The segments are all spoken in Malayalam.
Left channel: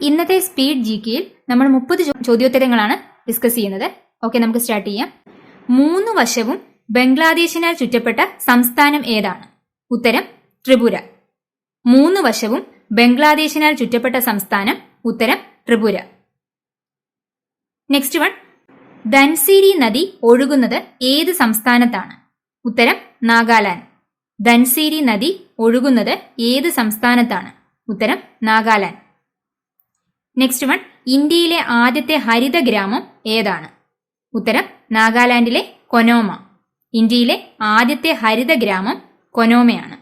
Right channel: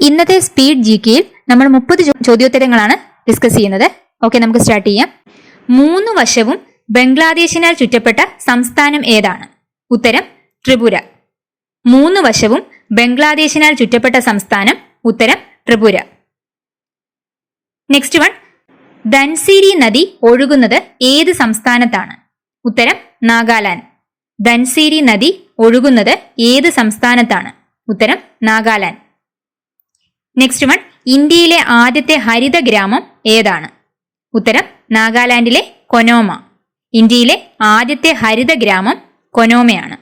ഇന്നത്തെ സ്പീഡ് GKയിൽ നമ്മൾ 30 ചോദ്യോത്തരങ്ങളാണ് ഡിസ്കസ് ചെയ്യുന്നത്. ഓക്കെ, നമുക്ക് സ്റ്റാർട്ട് ചെയ്യാം. 3 വശവും ബംഗ്ലാദേശിനാൽ ചുറ്റപ്പെട്ട സംസ്ഥാനം ഏതാണ്? ഉത്തരം ത്രിപുര. 3 വശവും ബംഗ്ലാദേശിനാൽ ചുറ്റപ്പെട്ട സംസ്ഥാനം. ഉത്തരം ത്രിപുര. നെക്സ്റ്റ് വൺ, ധൻസിരി നദി ഒഴുകുന്നത് ഏത് സംസ്ഥാനത്താണ്? ഉത്തരം നാഗാലാൻഡ്. ധൻസിരി നദി ഒഴുകുന്നത് ഏത് സംസ്ഥാനത്താണ്? ഉത്തരം നാഗാലാൻഡ്. നെക്സ്റ്റ് വൺ, ഇന്ത്യയിലെ ആദ്യത്തെ ഹരിത ഗ്രാമം ഏതാണ്? ഉത്തരം നാഗാലാൻഡിലെ കൊനോമ. ഇന്ത്യയിലെ ആദ്യത്തെ ഹരിത ഗ്രാമം കൊനോമയാണ്.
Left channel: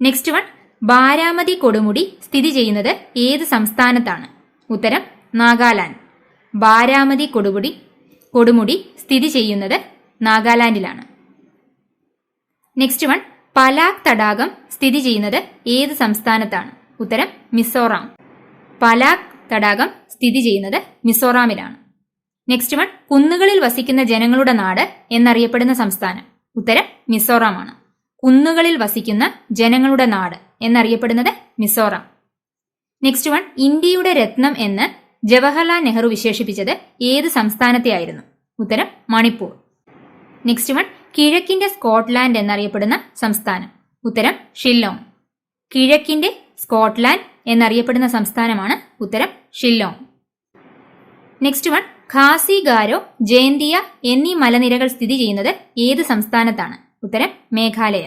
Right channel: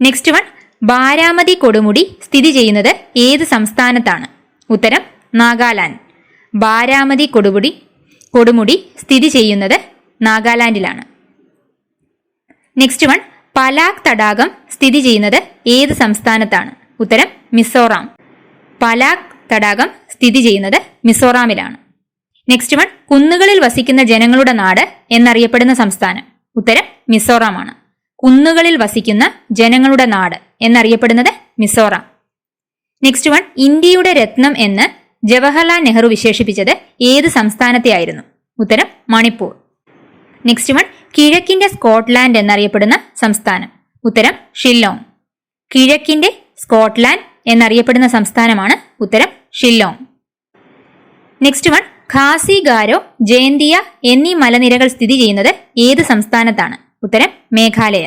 നെക്സ്റ്റ് വൺ, ബാരാമതി കൊടുമുടി സ്ഥിതി ചെയ്യുന്നത് ഏത് സംസ്ഥാനത്താണ്? ഉത്തരം നാഗാലാൻഡ്. ബാരാമതി കൊടുമുടി സ്ഥിതി ചെയ്യുന്നത് നാഗാലാൻഡിലാണ്. നെക്സ്റ്റ് വൺ, പലാക് തടാകം സ്ഥിതി ചെയ്യുന്നത് ഏത് സംസ്ഥാനത്താണ്? ഉത്തരം മിസോറാം. പലാക് തടാകം സ്ഥിതി ചെയ്യുന്നത് മിസോറാമിലാണ്. നെക്സ്റ്റ് വൺ, കുന്നുകളിൽ വസിക്കുന്ന ജനങ്ങളുടെ നാട് എന്നറിയപ്പെടുന്ന സംസ്ഥാനം. ഉത്തരം മിസോറാമാണ്. കുന്നുകളിൽ വസിക്കുന്ന ജനങ്ങളുടെ നാട് എന്നറിയപ്പെടുന്നത് മിസോറാം. നെക്സ്റ്റ് വൺ, ഇന്ത്യയുടെ രത്നം എന്ന് ജവഹർലാൽ നെഹ്റു വിശേഷിപ്പിച്ചത് ഏത് സംസ്ഥാനത്തെ ആയിരുന്നു? ഉത്തരം മണിപ്പൂർ. നെക്സ്റ്റ് വൺ, കിഴക്കിന്റെ സ്കോട്ട്ലാൻഡ് എന്നറിയപ്പെടുന്ന സംസ്ഥാനം. ഉത്തരം ഷില്ലോങ്. കിഴക്കിന്റെ സ്കോട്ട്ലാൻഡ് എന്നറിയപ്പെടുന്ന സംസ്ഥാനമാണ് ഉത്തരം ഷില്ലോങ്. നെക്സ്റ്റ് വൺ, ഖാസി ഗാരോ, ജയന്തിയ എന്നീ മലനിരകൾ സ്ഥിതി ചെയ്യുന്നത് ഏത് സംസ്ഥാനത്താണ്? ഉത്തരം മേഘാലയ.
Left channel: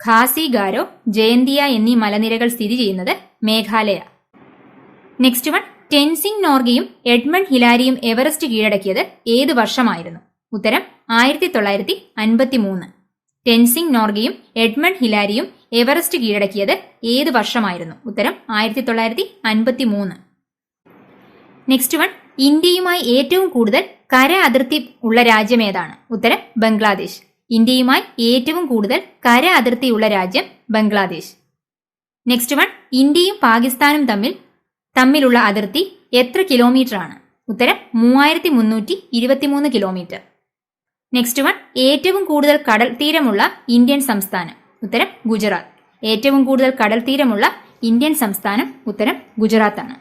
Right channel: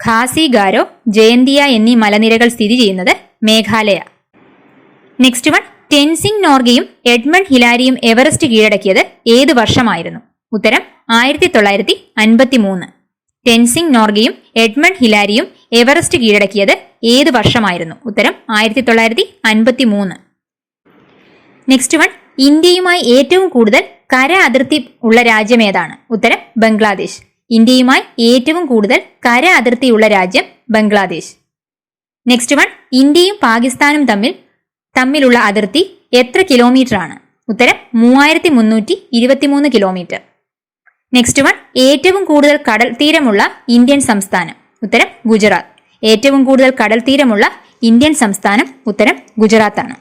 ഖാസി ഗാരോ, ജയന്തിയ എന്നീ മലനിരകൾ സ്ഥിതി ചെയ്യുന്നത് മേഘാലയ. നെക്സ്റ്റ് വൺ, ടെൻസിംഗ് നോർഗയും എഡ്മണ്ട് ഹിലാരിയും എവറസ്റ്റ് കീഴടക്കിയത് ഏത് വർഷമായിരുന്നു? ഉത്തരം 1953. ടെൻസിംഗ് നോർഗയും എഡ്മണ്ട് ഹിലാരിയും എവറസ്റ്റ് കീഴടക്കിയത് ഏത് വർഷമായിരുന്നു? ഉത്തരം 1953. നെക്സ്റ്റ് വൺ, ഇന്ത്യയുമായി ഏറ്റവും കൂടുതൽ കര അതിർത്തി ഉള്ള രാജ്യം ഏതാണ്? ഉത്തരം ബംഗ്ലാദേശ്. ഇന്ത്യയുമായി ഏറ്റവും കൂടുതൽ കര അതിർത്തിയുള്ള രാജ്യം ബംഗ്ലാദേശ്. നെക്സ്റ്റ് വൺ, ഇന്ത്യയും പാകിസ്ഥാനും തമ്മിലുള്ള അതിർത്തി എത്ര കിലോമീറ്റർ ആണ്? ഉത്തരം 3323 കിലോമീറ്റർ. നെക്സ്റ്റ് വൺ, ഏറ്റവും കൂടുതൽ കടൽ തീരമുള്ള ഇന്ത്യൻ സംസ്ഥാനം. ഉത്തരം ഗുജറാത്ത്. ഏറ്റവും കൂടുതൽ കടൽ തീരമുള്ള ഇന്ത്യൻ സംസ്ഥാനം ഉത്തരം ഗുജറാത്താണ്.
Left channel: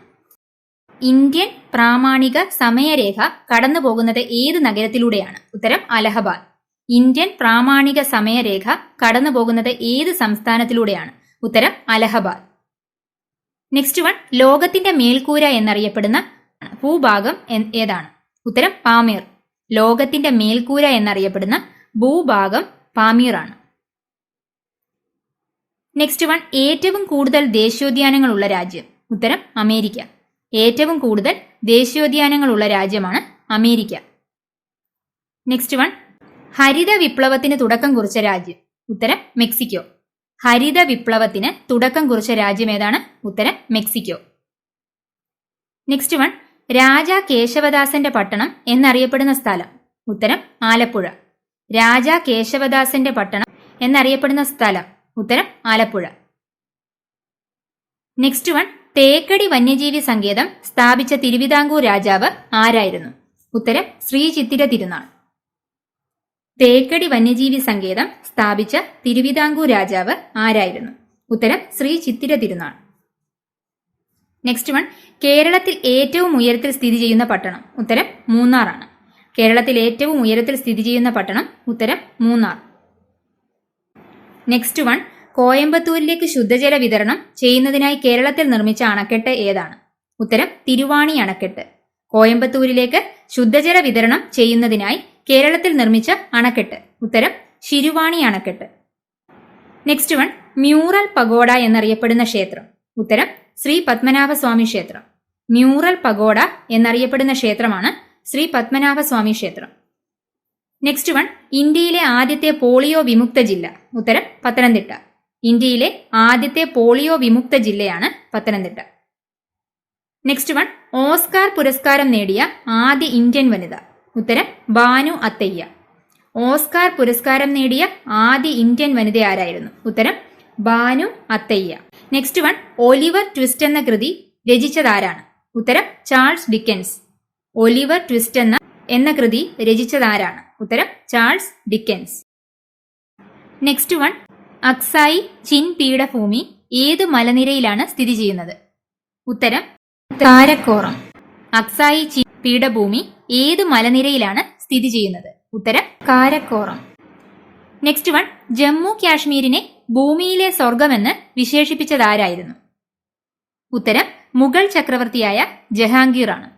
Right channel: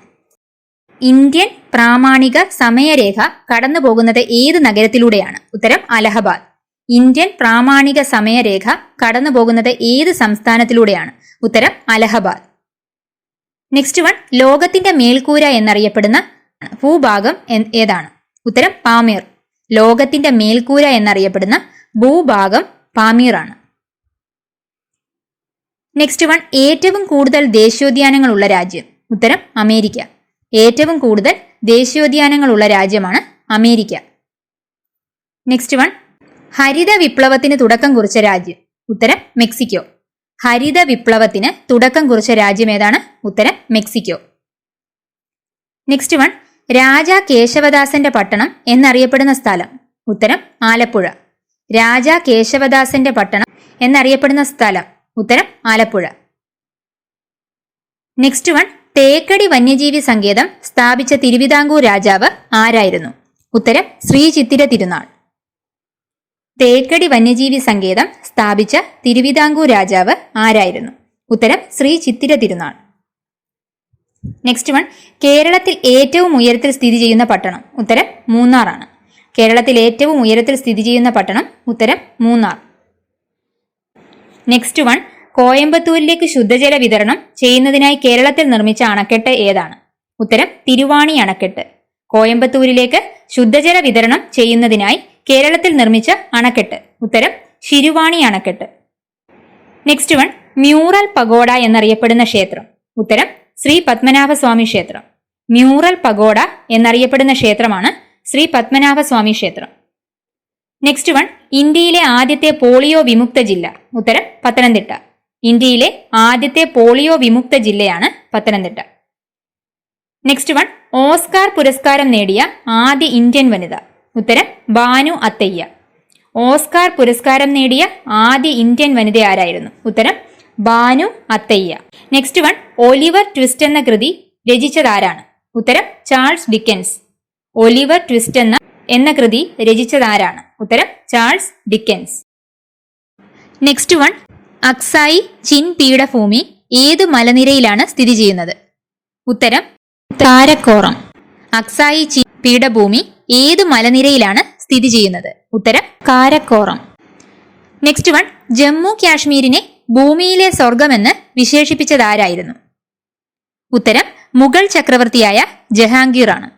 ഇന്ത്യൻ പ്രാമാണിക സമയരേഖ കടന്നു പോകുന്നത് ഏത് നഗരത്തിലൂടെയാണ്? ഉത്തരം അലഹബാദ്. ഇന്ത്യൻ പ്രാമാണിക സമയരേഖ കടന്നു പോകുന്നത് ഏത് സംസ്ഥാനത്തിലൂടെയാണ്? ഉത്തരം അലഹബാദ്. നെക്സ്റ്റ് വൺ, ലോകത്തിന്റെ മേൽക്കൂര എന്നറിയപ്പെടുന്ന ഭൂഭാഗം ഏതാണ്? ഉത്തരം പാമീർ. ലോകത്തിന്റെ മേൽക്കൂര എന്നറിയപ്പെടുന്ന ഭൂഭാഗം പാമീർ ആണ്. നെക്സ്റ്റ് വൺ, ഏറ്റവും കൂടുതൽ ദേശീയോദ്യാനങ്ങളുള്ള രാജ്യം. ഉത്തരം അമേരിക്ക. ഏറ്റവും കൂടുതൽ ദേശീയോദ്യാനങ്ങളുള്ള രാജ്യമാണ് അമേരിക്ക. നെക്സ്റ്റ് വൺ, ഹരിത വിപ്ലവത്തിന് തുടക്കം കുറിച്ച രാജ്യം. ഉത്തരം മെക്സിക്കോ. ഹരിത വിപ്ലവത്തിന് തുടക്കം കുറിച്ച രാജ്യം ഏതാണ്? ഉത്തരം മെക്സിക്കോ. നെക്സ്റ്റ് വൺ, രാജാ കേശവദാസന്റെ പട്ടണം എന്നറിയപ്പെടുന്ന സ്ഥലം. ഉത്തരം ആലപ്പുഴ. രാജാ കേശവദാസന്റെ പട്ടണം എന്നറിയപ്പെടുന്ന സ്ഥലം. ഉത്തരം ആലപ്പുഴ. നെക്സ്റ്റ് വൺ, തേക്കടി വന്യജീവി സങ്കേതം സ്ഥാപിച്ച തിരുവിതാംകൂർ രാജാവ് ആരായിരുന്നു? ഉത്തരം ശ്രീ ചിത്തിര തിരുനാൾ. തേക്കടി വന്യജീവി സങ്കേതം സ്ഥാപിച്ച തിരുവിതാംകൂർ രാജാവ് ആരായിരുന്നു? ഉത്തരം ശ്രീ ചിത്തിര തിരുനാൾ. നെക്സ്റ്റ് വൺ, കേരളത്തിൽ ഏറ്റവും ഉയരത്തിൽ സ്ഥിതി ചെയ്യുന്ന പട്ടണം. ഉത്തരം മൂന്നാർ ആണ്. കേരളത്തിൽ ഏറ്റവും ഉയരത്തിൽ സ്ഥിതി ചെയ്യുന്ന പട്ടണം ഉത്തരം മൂന്നാർ. നെക്സ്റ്റ് വൺ, കോയമ്പത്തൂരിലേക്ക് ശുദ്ധജല വിതരണം ചെയ്യുന്നതിനായി കേരളത്തിൽ നിർമ്മിച്ച അണക്കെട്ട് ഏതാണ്? ഉത്തരം തിരുവാണി അണക്കെട്ട്. കോയമ്പത്തൂരിലേക്ക് ശുദ്ധജല വിതരണം ചെയ്യുന്നതിനായി കേരളത്തിൽ നിർമ്മിച്ച അണക്കെട്ട് ഉത്തരം ശിരുവാണി അണക്കെട്ട്. നെക്സ്റ്റ് വൺ, മ്യൂറൽ പഗോഡ എന്നറിയപ്പെടുന്ന ക്ഷേത്രം. ഉത്തരം ശ്രീ പത്മനാഭസ്വാമി ക്ഷേത്രം. മ്യൂറൽ പഗോഡ എന്നറിയപ്പെടുന്ന ക്ഷേത്രമാണ് ശ്രീ പത്മനാഭസ്വാമി ക്ഷേത്രം. നെക്സ്റ്റ് വൺ, ഇന്ത്യയിലെ ആദ്യത്തെ പോളിയോ വിമുക്ത ജില്ല. ഉത്തരം പത്തനംതിട്ട. ഇന്ത്യയിലെ ആദ്യത്തെ പോളിയോ വിമുക്ത ജില്ലയാണ് പത്തനംതിട്ട. നെക്സ്റ്റ് വൺ, ഓസ്കാർ പുരസ്കാരം നേടിയ ആദ്യ ഇന്ത്യൻ വനിത. ഉത്തരം ബാനു അത്തയ്യ. ഓസ്കാർ പുരസ്കാരം നേടിയ ആദ്യ ഇന്ത്യൻ വനിത ആരായിരുന്നു? ഉത്തരം Bhanu Athaiya. Next one, Oliver Twist എന്ന കൃതി രചിച്ചതാരാണ്? ഉത്തരം ചാൾസ് ഡിക്കൻസ്. ഒലിവർ ട്വിസ്റ്റ് എന്ന കൃതി രചിച്ചതാരാണ്? ഉത്തരം Charles Dickens. Next one, Aksai chin പീഠഭൂമി ഏതു മലനിരയിലാണ് സ്ഥിതി ചെയ്യുന്നത്? ഉത്തരം കാരക്കോറം. അക്സായി ചീൻ പീഠഭൂമി ഏത് മലനിരയിലാണ് സ്ഥിതി ചെയ്യുന്നത്? ഉത്തരം കാരക്കോറം. നെക്സ്റ്റ് വൺ, ജമ്മു കാശ്മീരിനെ ഭൂമിയിലെ സ്വർഗമെന്ന് വിശേഷിപ്പിച്ചതാരായിരുന്നു? ഉത്തരം മുഗൾ ചക്രവർത്തിയായ ജഹാംഗീർ ആണ്.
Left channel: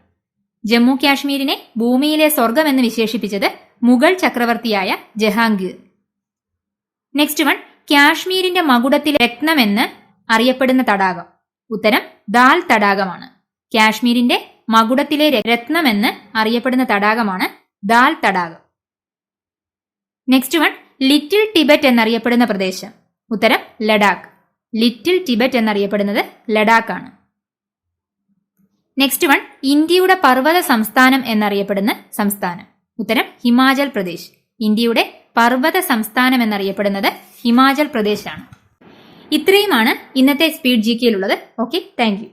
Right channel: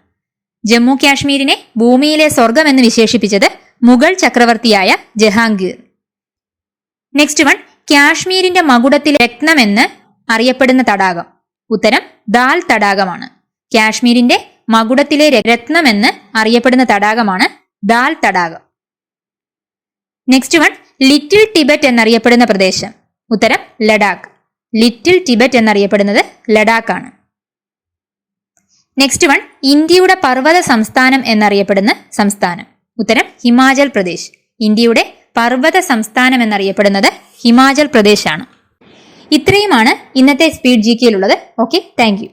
ജമ്മു കാശ്മീരിനെ ഭൂമിയിലെ സ്വർഗം എന്ന് വിശേഷിപ്പിച്ചത് മുഗൾ ചക്രവർത്തിയായ ജഹാംഗീർ. നെക്സ്റ്റ് വൺ, കാശ്മീരിന്റെ മകുടത്തിലെ രത്നമെന്ന് അറിയപ്പെടുന്ന തടാകം? ഉത്തരം ദാൽ തടാകമാണ്. കാശ്മീരിന്റെ മകുടത്തിലെ രത്നമെന്ന് അറിയപ്പെടുന്ന തടാകമാണ് ദാൽ തടാകം. നെക്സ്റ്റ് വൺ, ലിറ്റിൽ ടിബറ്റ് എന്നറിയപ്പെടുന്ന പ്രദേശം? ഉത്തരം ലഡാക്ക്. ലിറ്റിൽ ടിബറ്റ് എന്നറിയപ്പെടുന്നത് ലഡാക്ക് ആണ്. നെക്സ്റ്റ് വൺ, ഇന്ത്യയുടെ പർവ്വത സംസ്ഥാനം എന്നറിയപ്പെടുന്ന സംസ്ഥാനം? ഉത്തരം ഹിമാചൽ പ്രദേശ്. ഇന്ത്യയുടെ പർവ്വത സംസ്ഥാനം എന്നറിയപ്പെടുന്നത് ഹിമാചൽ പ്രദേശ് ആണ്. ഇത്രയുമാണ് ഇന്നത്തെ സ്പീഡ് GK യിലുള്ളത്. Okay, thank U.